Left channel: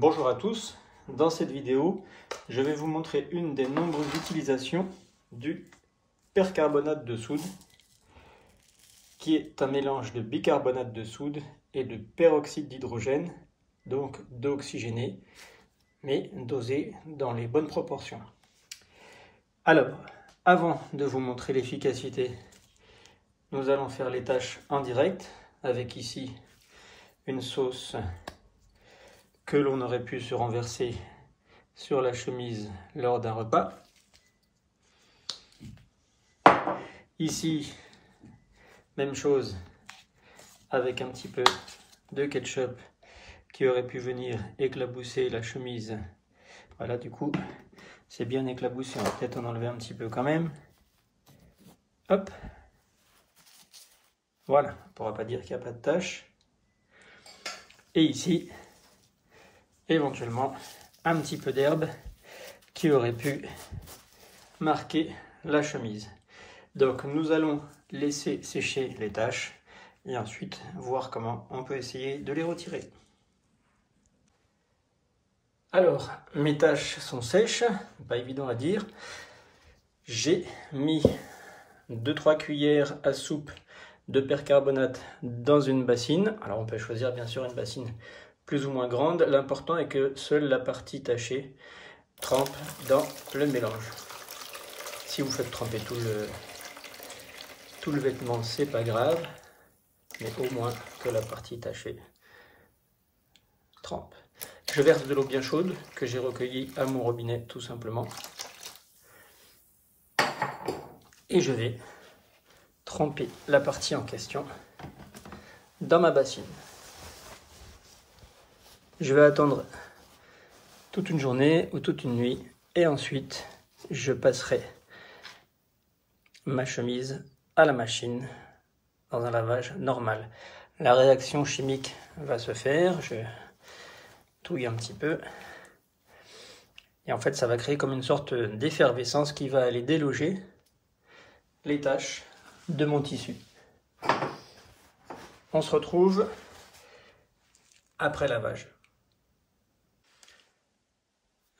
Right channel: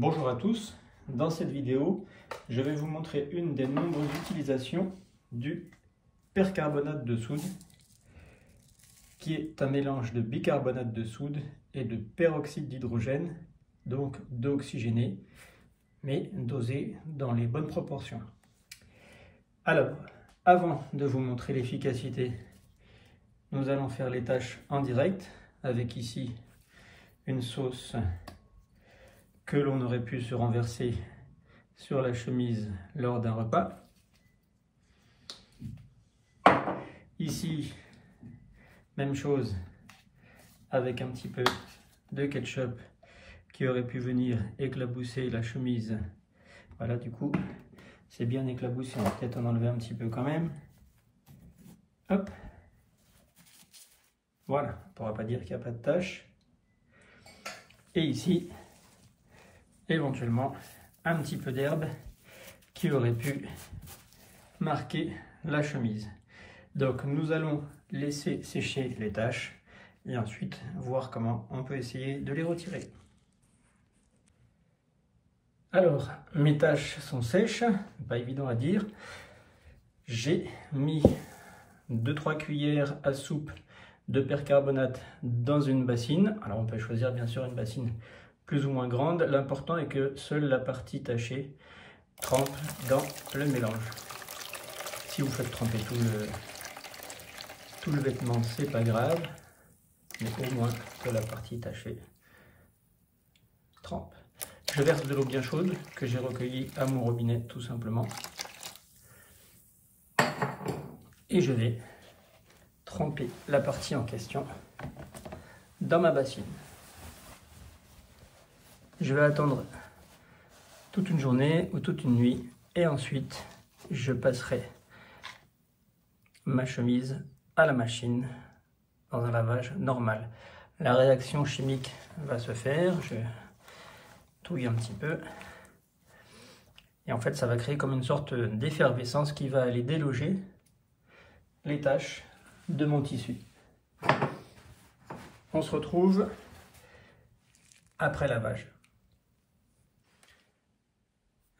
Bonjour à tous, dans cette vidéo, je vais vous montrer une des nombreuses utilisations du percarbonate de soude, qui est un mélange de bicarbonate de soude et de peroxyde d'hydrogène, donc d'eau oxygénée, mais dosée dans les bonnes proportions. Alors, avant de vous montrer l'efficacité, nous allons faire les tâches en direct, avec ici une sauce que l'on aurait pu se renverser sur la chemise lors d'un repas. Ici, même chose, avec un petit peu de ketchup qui aurait pu venir éclabousser la chemise. Voilà, du coup, c'est bien éclaboussé. On va peut-être en enlever un petit peu quand même. Hop. Voilà, on ne pourra pas dire qu'il n'y a pas de tache. Et ici, éventuellement, un petit peu d'herbe qui aurait pu marquer la chemise. Donc nous allons laisser sécher les taches et ensuite voir comment on peut essayer de les retirer. Alors, mes taches sont sèches, pas évident à dire. J'ai mis 2-3 cuillères à soupe de percarbonate dans une bassine. Alors on peut choisir bien sûr une bassine plus ou moins grande. L'important est que seule la partie tachée trempe dans le mélange. Si vous faites tremper tout le vêtement, c'est pas grave, mais au moins que la partie tachée trempe. Je verse de l'eau bien chaude que j'ai recueillie à mon robinet tout simplement. Et je vais tremper la partie en question dans ma bassine. Je vais attendre toute une journée ou toute une nuit et ensuite je passerai ma chemise à la machine dans un lavage normal. La réaction chimique va se faire, je touille un petit peu et en fait ça va créer comme une sorte d'effervescence qui va aller déloger les taches de mon tissu. On se retrouve après lavage.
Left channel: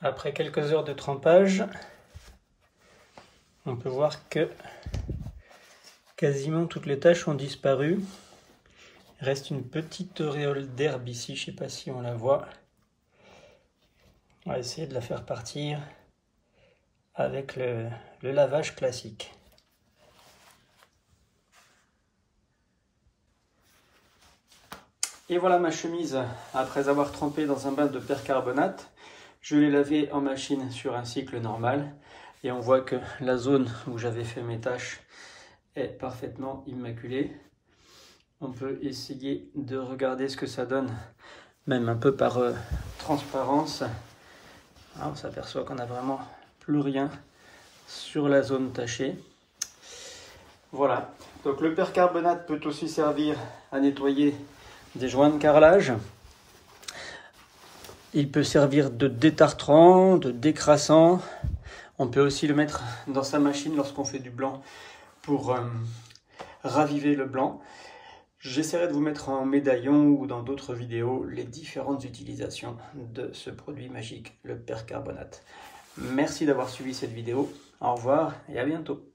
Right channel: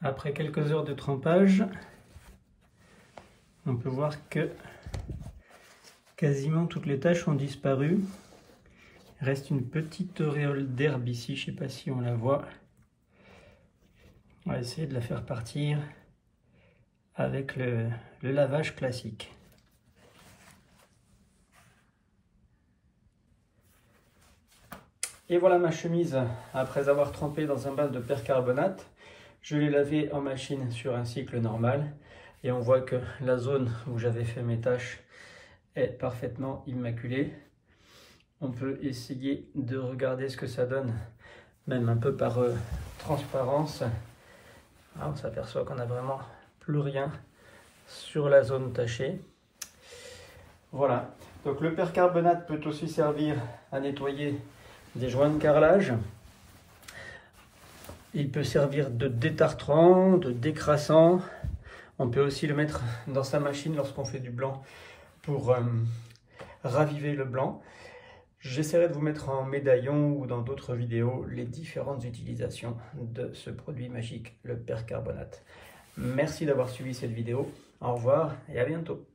Après quelques heures de trempage, on peut voir que quasiment toutes les taches ont disparu. Il reste une petite auréole d'herbe ici, je ne sais pas si on la voit. On va essayer de la faire partir avec le lavage classique. Et voilà ma chemise après avoir trempé dans un bain de percarbonate. Je l'ai lavée en machine sur un cycle normal et on voit que la zone où j'avais fait mes taches est parfaitement immaculée. On peut essayer de regarder ce que ça donne, même un peu par transparence. Ah, on s'aperçoit qu'on n'a vraiment plus rien sur la zone tachée. Voilà, donc le percarbonate peut aussi servir à nettoyer des joints de carrelage. Il peut servir de détartrant, de décrassant. On peut aussi le mettre dans sa machine lorsqu'on fait du blanc pour raviver le blanc. J'essaierai de vous mettre en médaillon ou dans d'autres vidéos les différentes utilisations de ce produit magique, le percarbonate. Merci d'avoir suivi cette vidéo. Au revoir et à bientôt.